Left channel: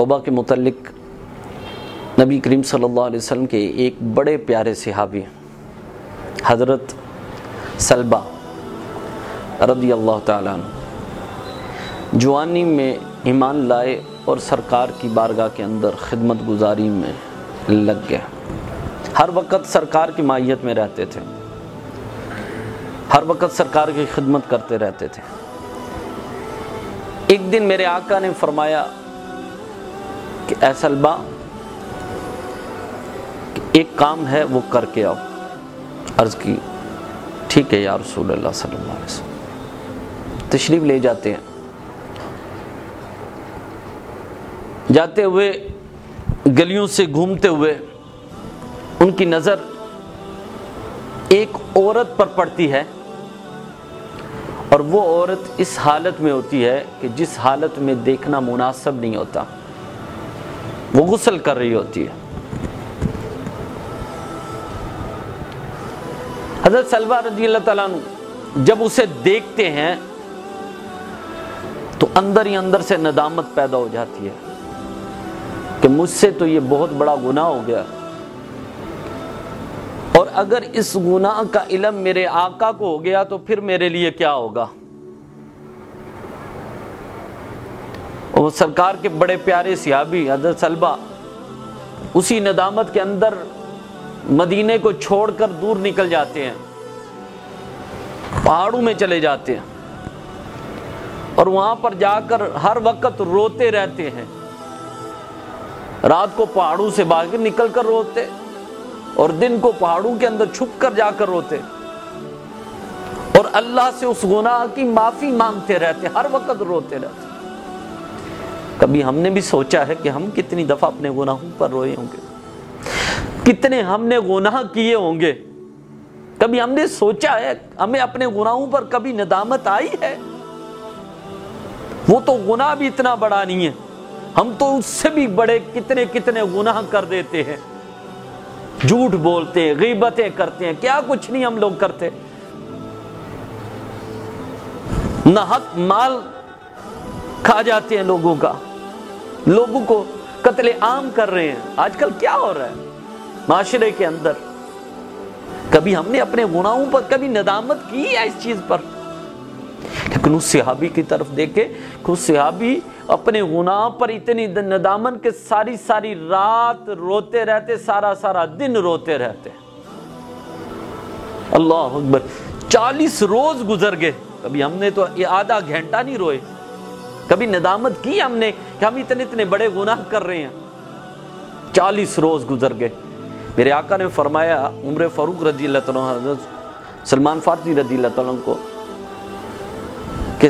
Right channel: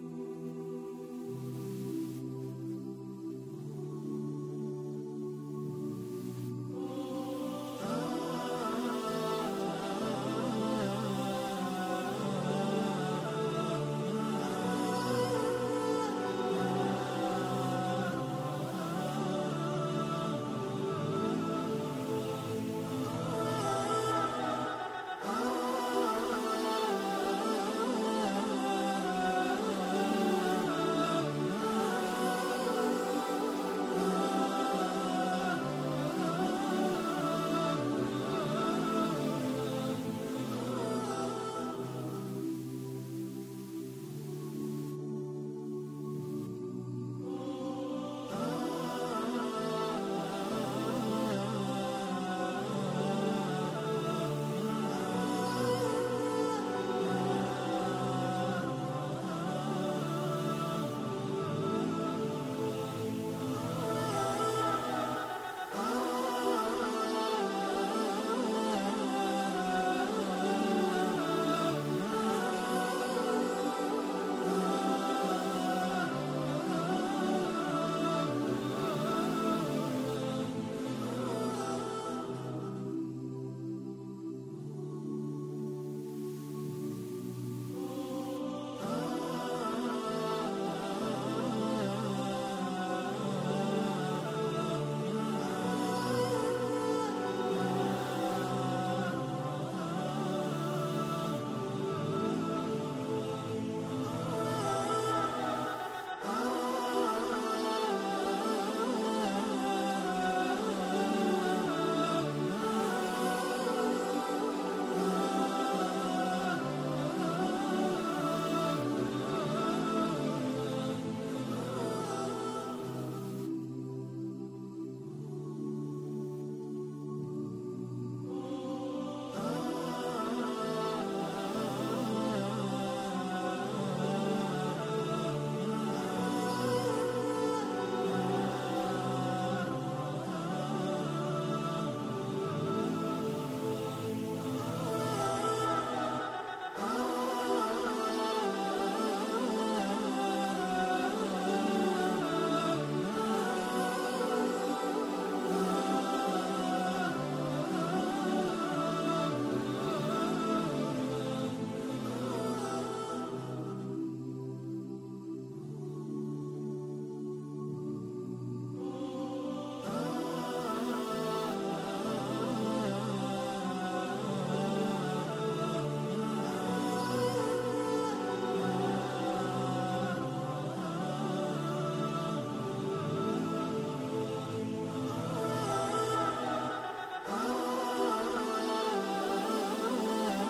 توبہ کے متعلق نبی کریم صلی اللہ علیہ وسلم کے ایک بڑے پیارے صحابی حضرت سلبہ رضی اللہ تعالیٰ عنہ جوانی میں ایمان لائے اور سرکار کی بارگاہ کے اندر خدمت گزاری میں لگ گئے۔ ہر وقت سرکار کی معیت میں رہتے تھے، ہر وقت سرکار کی خدمت کرتے رہتے تھے۔ ایک دن میرے آقا نے فرمایا کہ اے سلبہ، ایک کام ہے وہ کر کے آؤ۔ عرض کی ٹھیک ہے یا رسول اللہ صلی اللہ علیہ وسلم۔ تشریف لے جاتے ہیں، جاتے ہوئے گلیوں سے گھومتے ہوئے ان کی نظر ایک عورت پر پڑتی ہے، اور وہ عورت اس حالت میں ہوتی ہے کہ جس حالت میں دیکھنا مناسب نہیں ہوتا، وہ غسل کر رہی ہوتی ہے۔ حضرت سلبہ رضی اللہ تعالیٰ عنہ جب اسے دیکھتے ہیں تو اندر ہی اندر سے ندامت پیدا ہو جاتی ہے کہ مجھ سے تو یہ بہت بڑا گناہ ہو گیا، اور اگر اس گناہ کا علم میرے آقا کو ہو گیا تو پھر میرے لیے کیا ہوگا۔ اور سرکار کے بڑے پیارے صحابی حضرت سلبہ اسی ندامت کے اندر مدینے کو چھوڑ کر دور نکل جاتے ہیں، پہاڑوں میں چلے جاتے ہیں، اور وہاں پر جا کر ہر وقت روتے رہتے ہیں۔ رات کو پہاڑوں سے باہر نکل کر روتے، اور دن کو پہاڑوں کے اندر چھپ کر جا کر روتے، اور اللہ سے اس گناہ کی معافی مانگتے رہتے، ہر وقت روتے رہتے۔ کبھی ہم نے بھی سوچا ہے کہ ہم کتنی دفعہ اپنے گناہوں پر روئے ہوں گے، کتنے ہم نے گناہ کیے ہوں گے؟ کبھی ہم نے سوچا ہے ہمیں اپنے گناہوں پر کبھی ندامت آئی ہے؟ وہ تو گناہ بھی اتنا بڑا نہیں ہے، ہم تو اس سے بھی بڑے کتنے کتنے گناہ کر دیتے ہیں، جھوٹ بولتے ہیں، غیبتیں کرتے ہیں، کیا کچھ نہیں ہم لوگ کرتے، ناحق مال کھا جاتے ہیں لوگوں کا، لوگوں کو قتل عام کر رہے ہیں۔ آج کل کیا ہو رہا ہے معاشرے کے اندر؟ کبھی ہم نے اپنے گناہوں پر کبھی ندامت کی ہے اس چیز پر؟ لیکن اس صحابی کی طرف دیکھے کہ اس صحابی اپنے گناہ پر اتنی ندامت کہ ساری ساری رات روتے رہتے، سارا سارا دن روتے رہتے۔ اللہ اکبر، 40 روز گزر گئے، کبھی ہم نے تو یہ آدھا گھنٹہ نہیں روئے، کبھی ندامت کی ہم نے کہ ہم اتنے اتنے بڑے گناہ کر رہے ہیں۔ 40 روز گزر گئے۔ میرے آقا نے فرمایا عمر فاروق رضی اللہ تعالیٰ عنہ، حضرت سلمان فارسی رضی اللہ تعالیٰ عنہ کو کہ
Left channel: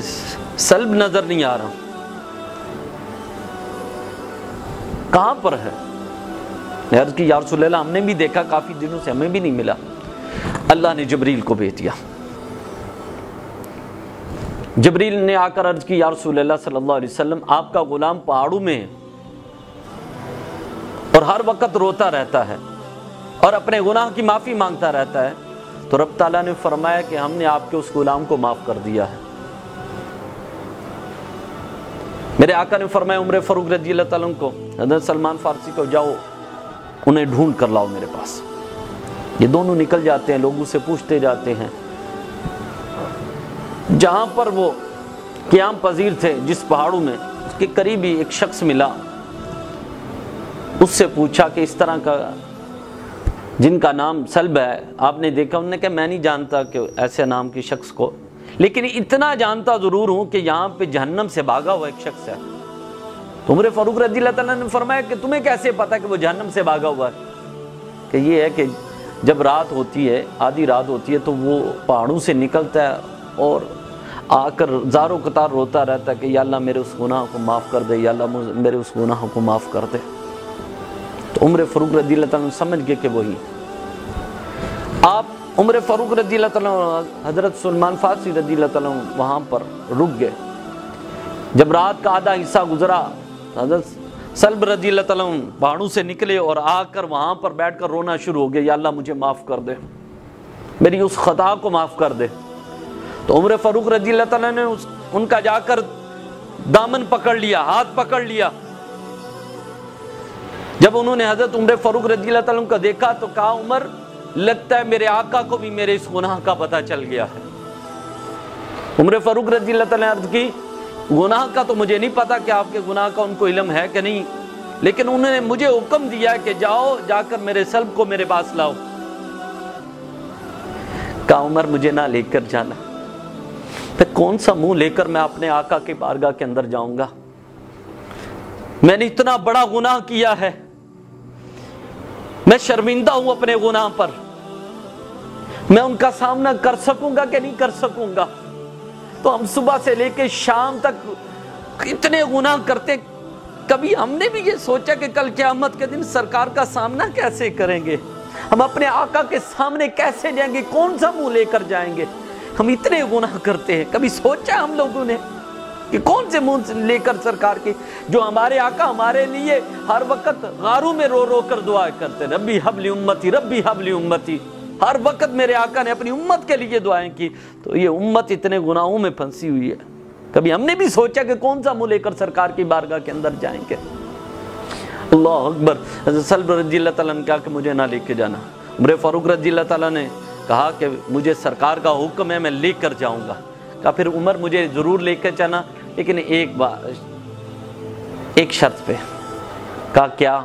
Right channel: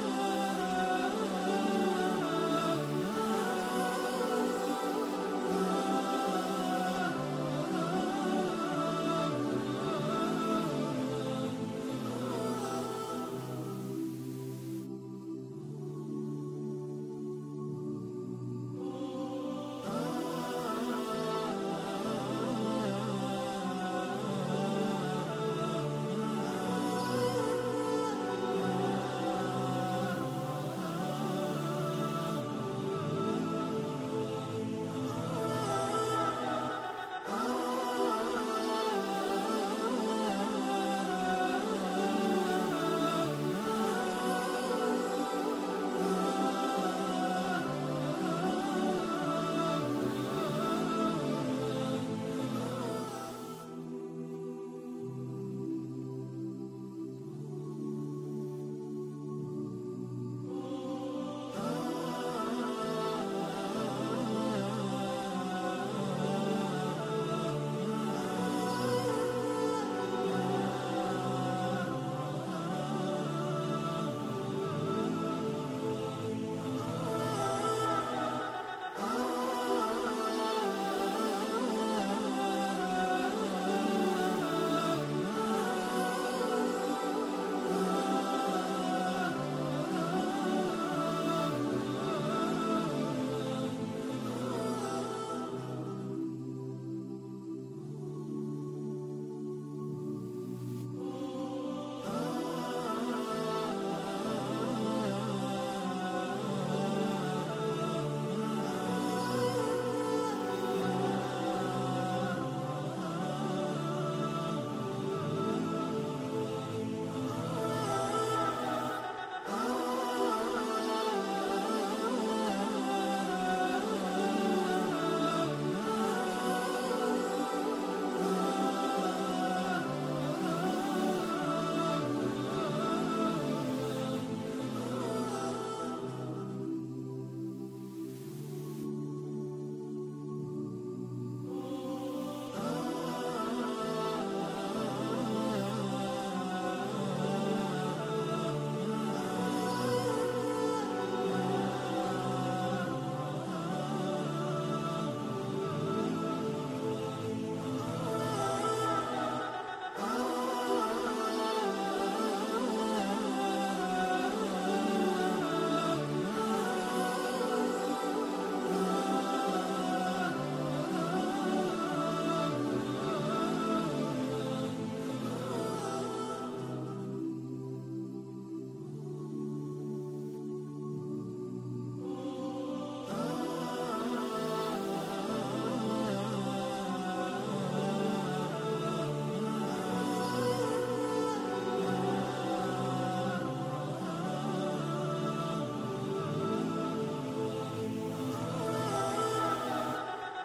سلب نظر نہیں آ رہا، کہاں پر ہے؟ میں عرض کی یا رسول اللہ، ہم نے بھی دیکھا کافی دنوں سے ہمیں بھی نہیں ملا۔ اللہ نے جبریل کو بھیج دیا۔ جبریل نے آ کر عرض کی یا رسول اللہ صلی اللہ علیہ وسلم، آپ کا غلام پہاڑوں میں ہے اور ہر وقت روتا رہتا ہے اور اپنے گناہ کی معافی مانگتا رہتا ہے، تو رب تعالیٰ نے فرمایا کہ ہم نے آپ کے اس غلام کو معاف کر دیا ہے۔ میرے آقا نے فرمایا عمر فاروق رضی اللہ تعالیٰ عنہ کو، حضرت سلمان فارسی کو، جاؤ انہیں ڈھونڈ کر لاؤ میرے پاس۔ یہ دونوں نکل جاتے ہیں، لوگوں سے پوچھتے جاتے ہیں، جہاں پر وہ قیام پذیر تھے جس پہاڑوں میں، اس کے قریب ہی ایک شخص ملا، اس سے پوچھا کہ اس طرح کا جن کا نام سلب ہے آپ نے دیکھا؟ انہوں نے کہا میں نہیں جانتا کہ ایسے نام کی شخص کو، لیکن اتنا جانتا ضرور ہوں کہ یہاں پہ جہنم سے بھاگا ہوا ایک شخص ہے۔ تو عمر فاروق رضی اللہ تعالیٰ نے فرمایا کہ تمہیں کیسے پتا کہ وہ جہنم سے بھاگا ہوا ہے؟ کہ یہ ہے کہ جب رات ہوتی ہے، آدھی رات ہوتی ہے، تو وہ پہاڑوں سے نکلتا ہے اور آ کر زاروں قطار روتا رہتا ہے کہ یا اللہ میرے اس گناہ کو معاف کر دے، یا اللہ میرے اس گناہ کو معاف کر دے۔ تو عمر فاروق رضی اللہ تعالیٰ سمجھ گئے کہ وہی آپ۔ عمر فاروق رضی اللہ تعالیٰ حضرت سلمان فارسی رضی اللہ تعالیٰ وہاں پر رک گئے۔ جب رات کا آدھا حصہ گزرا، حضرت سلب رضی اللہ تعالیٰ پہاڑوں سے نکلے اور آ کر وہاں پر بیٹھ کر رونا شروع ہو گئے، یا اللہ مجھے معاف کر دے، میری اس خطا کو معاف کر دے۔ تو عمر فاروق رضی اللہ تعالیٰ نے ان کا جا کر دامن پکڑ لیا، ہاتھ پکڑ لیا، جب انہوں نے حضرت عمر فاروق رضی اللہ تعالیٰ عنہ کو دیکھا تو کہا عمر لگتا ہے میرے آقا کو بھی میرے اس گناہ کا پتہ چل گیا ہے۔ عمر فاروق رضی اللہ تعالیٰ عنہ عرض کی گناہ کا تو مجھے نہیں پتا کہ آپ کے گناہ کا ان کو علم ہے کہ نہیں، لیکن انہوں نے مجھے حکم دیا کہ جاؤ جا کر میرے سلب کو میرے پاس لاؤ۔ کہا عمر مجھے نہ لے کر جانا، پھر کون سا منہ لے کر میں اپنے آقا کی بارگاہ کے اندر جاؤں گا؟ میں نے اتنا بڑا گناہ کیا ہے، میں شرمندہ ہوں اپنے گناہ پر، میں ان کا سامنا کر سکوں گا کہ نہیں کر سکوں گا؟ تو ہم صبح سے لے کے شام تک اتنے گناہ کرتے، کبھی ہم نے بھی یہ سوچا کہ کل قیامت کے دن سرکار کا سامنا کیسے کریں گے؟ ہم اپنے آقا کے سامنے کیسے جائیں گے؟ کون سا منہ لے کر جائیں گے؟ ہم اتنے گناہ کرتے ہیں، کبھی سوچا ہم لوگوں نے کہ کون سے منہ لے کر سرکار کی، جو ہمارے آقا ہمارے لیے ہر وقت غاروں میں رو رو کر دعا کرتے، ربی حبلی امتی ربی حبلی امتی، ہر وقت میرے آقا نے اپنی امت کے لیے دعائیں کی، تو یہ امت اتنے گناہوں میں پھنسی ہوئی ہے، کبھی ہم نے بھی سوچا کہ کون سا منہ لے کر سرکار کی بارگاہ کے اندر جائیں گے؟ اللہ اکبر۔ حضرت سلب رضی اللہ تعالیٰ نے کہا کہ مجھے نہ لے کے جانا۔ عمر فاروق رضی اللہ تعالیٰ نے کہا کہ مجھے سرکار کا حکم ہے، میں لے کر جاؤں گا۔ کہا پھر عمر مجھے ضرور لے کے جانا، لیکن ایک شرط پہ۔ کہا کیا؟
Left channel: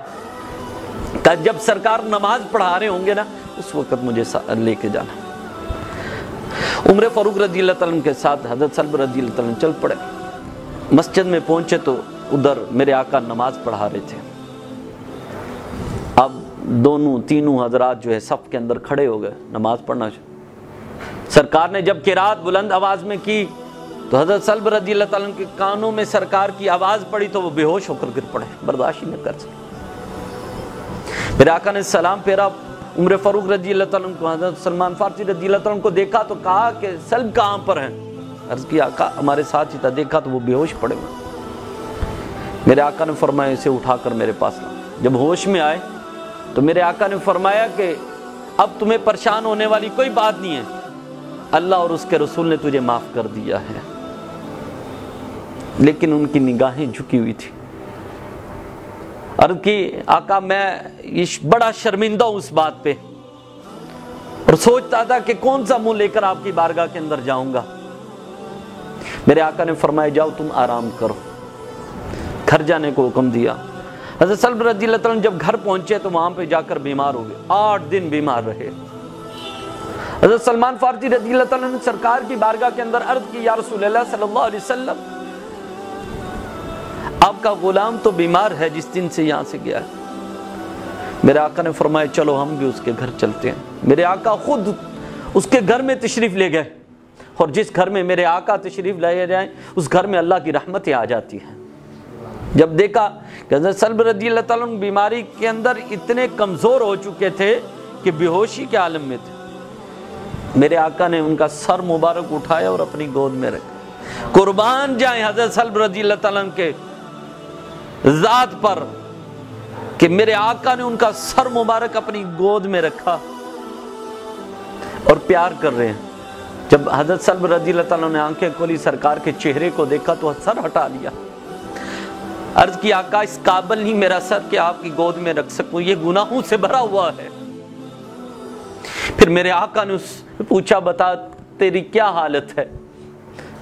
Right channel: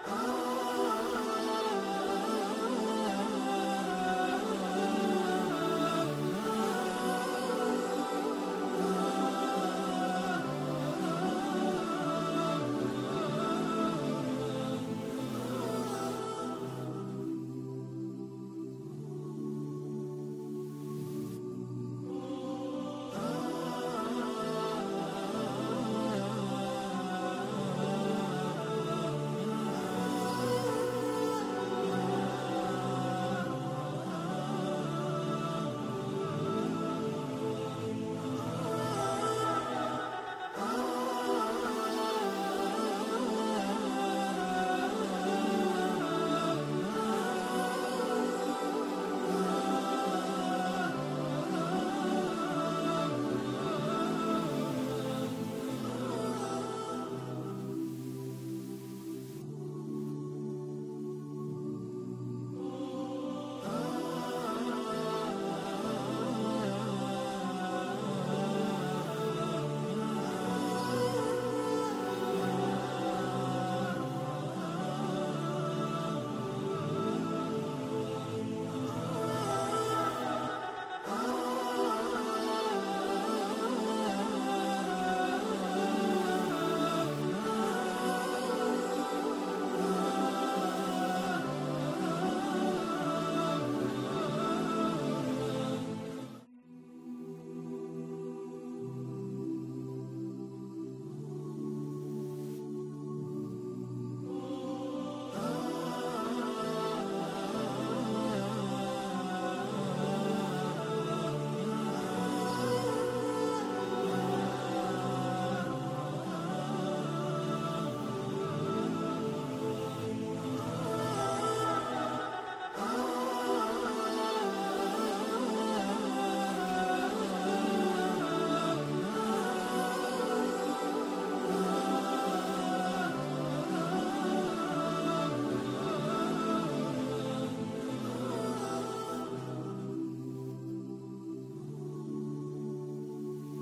کہا جب سرکار نماز پڑھا رہے ہوں گے نا اس وقت مجھے لے کے جانا۔ عمر فاروق رضی اللہ تعالیٰ کے ساتھ حضرت سلب رضی اللہ تعالیٰ چل پڑے۔ مسجد میں پہنچے تو ادھر میرے آقا نماز پڑھا رہے تھے۔ اب تینوں حضرات جو ہے صف کے اندر کھڑے ہو گئے نماز پڑھنا۔ سرکار نے جب قرات بلند آواز میں کی تو حضرت سلب رضی اللہ تعالیٰ کے کانوں میں سرکار کی آواز پڑی تو وہ بے ہوش ہو کر گر پڑے، برداشت ہی نہ کر سکے۔ میرے آقا نے سلام پھیرا، عمر فاروق رضی اللہ تعالیٰ کو حضرت سلمان فارسی رضی اللہ تعالیٰ کو دیکھا تو کہا کہ سلب کہاں پر ہیں؟ عرض کی آقا ہمارے ساتھ ہی تھا، دیکھا تو وہ بے ہوش پڑے ہوئے۔ میرے آقا نے فرمایا اسے اٹھا کر میرے پاس لا۔ جب ہوش میں آئے تو میرے آقا نے فرمایا کہ اب تمہیں پریشان ہونے والی کوئی بات نہیں ہے، اللہ اور اس کے رسول نے تجھے معاف کر دیا ہے۔ لیکن ان کی نگاہیں جھکی ہوئی تھی۔ عرض کی آقا میں بڑا شرمندہ ہوں اس بات پہ، اور سوچتا تھا کہ کون سا منہ لے کر آپ کی بارگاہ کے اندر جاؤں گا۔ میرے آقا نے فرمایا جاؤ تم آرام کرو، گھر جانے کو حکم دیا۔ حضرت سلب رضی اللہ تعالیٰ جب گھر پہنچے تو وہاں پہ جا کر بیمار ہو گئے، 8 دن بیمار رہے۔ حضرت سلمان فارسی رضی اللہ تعالیٰ نے سرکار کی بارگاہ کے اندر عرض کی یا رسول اللہ صلی اللہ علیہ وسلم آپ کا غلام تو بیمار ہے جس دن سے یہاں سے گیا ہے۔ میرے آقا نے فرمایا چلو ہم بھی اس کے گھر چلتے ہیں۔ میرے آقا خود اس کے گھر میں تشریف لے گئے، اور جس گھر میں میرے آقا تشریف لے جائیں اس گھر میں اللہ کی رحمتیں آ جاتی ہیں۔ جب دیکھا کہ حضرت سلب رضی اللہ تعالیٰ بیماری کے اندر اتنے کمزور ہو چکے تھے کہ بے ہوشی کے عالم میں تھے، میرے آقا نے ان کا سر مبارک اٹھایا اور اپنی گود میں رکھا۔ قربان جائیں حضرت سلب رضی اللہ تعالیٰ کے ذات پر کہ میرے آقا نے ان کا سر مبارک اپنی گود میں رکھا اور پیار کر رہے ہیں۔ جب حضرت سلب رضی اللہ تعالیٰ نے آنکھیں کھولی، سرکار کے چہرے کو دیکھا تو سر ہٹا لیا۔ عرض کی آقا اس قابل نہیں میرا سر کہ آپ کی گود میں رکھ سکوں، یہ گناہوں سے بھرا ہوا ہے۔ پھر میرے آقا نے اس پوچھا بتا تیری کیا حالت ہے؟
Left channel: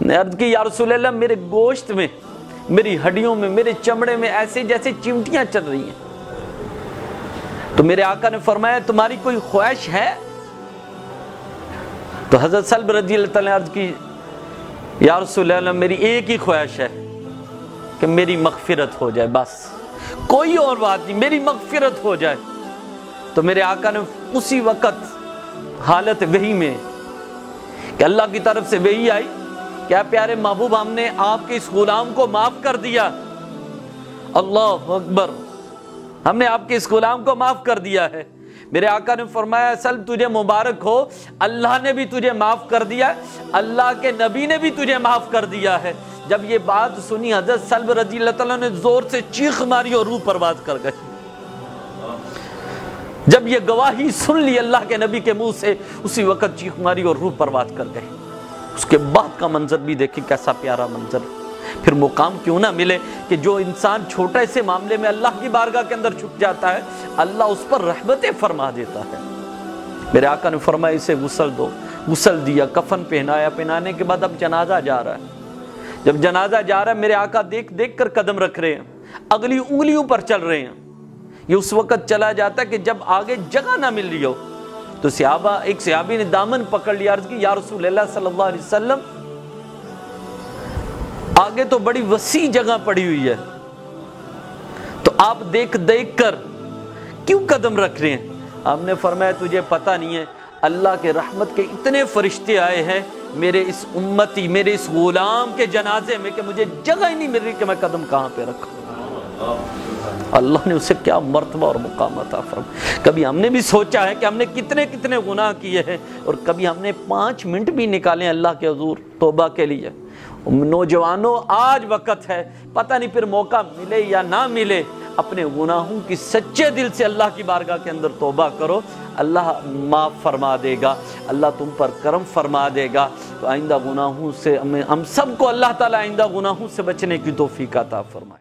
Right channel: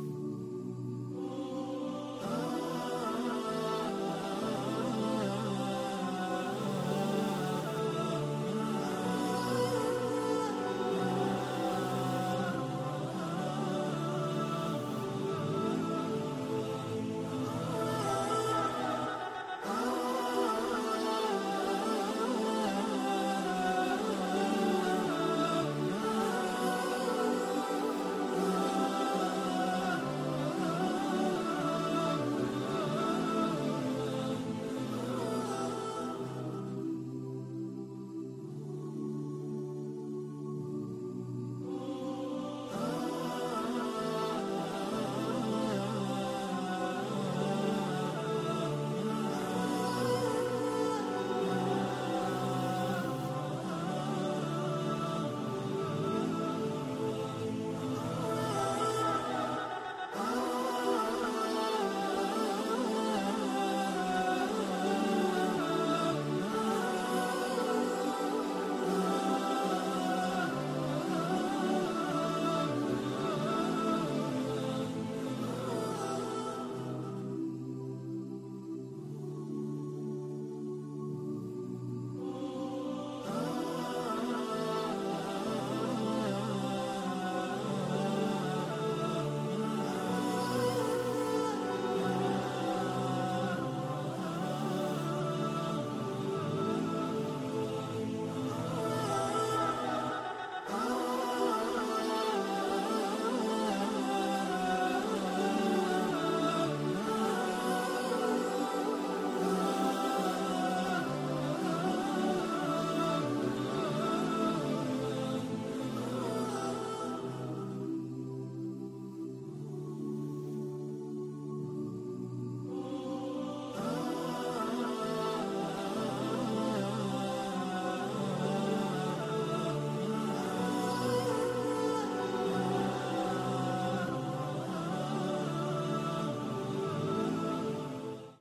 نے عرض کی یا رسول اللہ میرے گوشت میں، میری ہڈیوں میں، میرے چمڑے میں ایسے جیسے چمٹیاں چل رہی ہیں۔ تو میرے آقا نے فرمایا تمہاری کوئی خواہش ہے؟ تو حضرت سلب رضی اللہ تعالیٰ نے عرض کی یا رسول اللہ میری ایک ہی خواہش ہے کہ میری مغفرت ہو جائے، بس کوئی اور بات نہیں، میری مغفرت ہو جائے۔ تو میرے آقا نے اسی وقت حالت وحی میں کہ اللہ کی طرف سے وحی آئی، کیا پیارے محبوب ہم نے آپ کے اس غلام کو معاف کر دیا۔ اللہ اکبر، ہم نے آپ کے اس غلام کو معاف کر دیا ہے۔ میرے آقا نے فرمایا سلب تجھے مبارک ہو، اللہ نے بھی تجھے معاف کر دیا، اللہ کے نبی نے بھی تجھے معاف کر دیا ہے۔ جب یہ بات سنی حضرت سلب رضی اللہ تعالیٰ نے زور سے چیخ ماری اور روح پرواز کر گئے۔ جب یہ گواہی سن لی اللہ کے نبی کے منہ سے، اسی وقت چیخ ماری اور روح پرواز کر گئے۔ اس کے بعد کا منظر بھی دیکھیں کیسا پیارا منظر۔ پھر مقام کیوں نہ ملے کہ جو انسان چھوٹے سے معاملے میں اللہ کی بارگاہ کے اندر چھپ جاتا ہے، اللہ اس پر رحمتیں فرما دیتا ہے۔ میرے آقا نے فرمایا اسے غسل دو، غسل دیا، کفن پہنایا، پہنانے کے بعد اب جنازہ جا رہا ہے۔ جب جنازہ جا رہا ہے میرے آقا دیکھ دیکھ کر قدم رکھ رہے ہیں، اگلی انگلیوں پر چل رہے ہیں۔ یہ اس وقت چلا جاتا ہے کہ جب آگے جگہ نہ مل رہی ہو تو ایک صحابی نے دامن پکڑ لیا، عرض کی یا رسول اللہ صلی اللہ علیہ وسلم آگے تو بڑی وسیع جگہ پڑی ہوئی ہے، تو آپ دیکھ دیکھ کر کیوں قدم رکھ رہے ہیں؟ آپ نے فرمایا تجھے پتہ نہیں ہے اللہ کے رحمت کے اتنے فرشتے آئے ہیں میرے اس امتی، میرے اس غلام کے جنازے میں کہ مجھے جگہ ہی نہیں مل رہی کہ میں قدم کہاں پہ رکھوں۔ اللہ نے اسے کیا مرتبہ اور مقام عطا فرمایا۔ کبھی ہم نے بھی سوچا ہے کہ ہم نے کتنے کتنے گناہ کیے ہیں، اور کبھی ہم نے 5 منٹ بھی نکالے اللہ کے حضور توبہ کے لیے۔ نوجوانوں آج وقت ہے، پتہ نہیں پھر موقع ملے یا نہ ملے، اپنے گناہوں کی سچے دل سے اللہ کی بارگاہ کے اندر توبہ کرو، اللہ معاف فرما دے گا، اللہ تم پر کرم فرما دے گا۔ تو آئندہ گناہوں سے ہم سب کو اللہ تعالی آئندہ گناہوں سے بچنے کی توفیق عطا فرمائے۔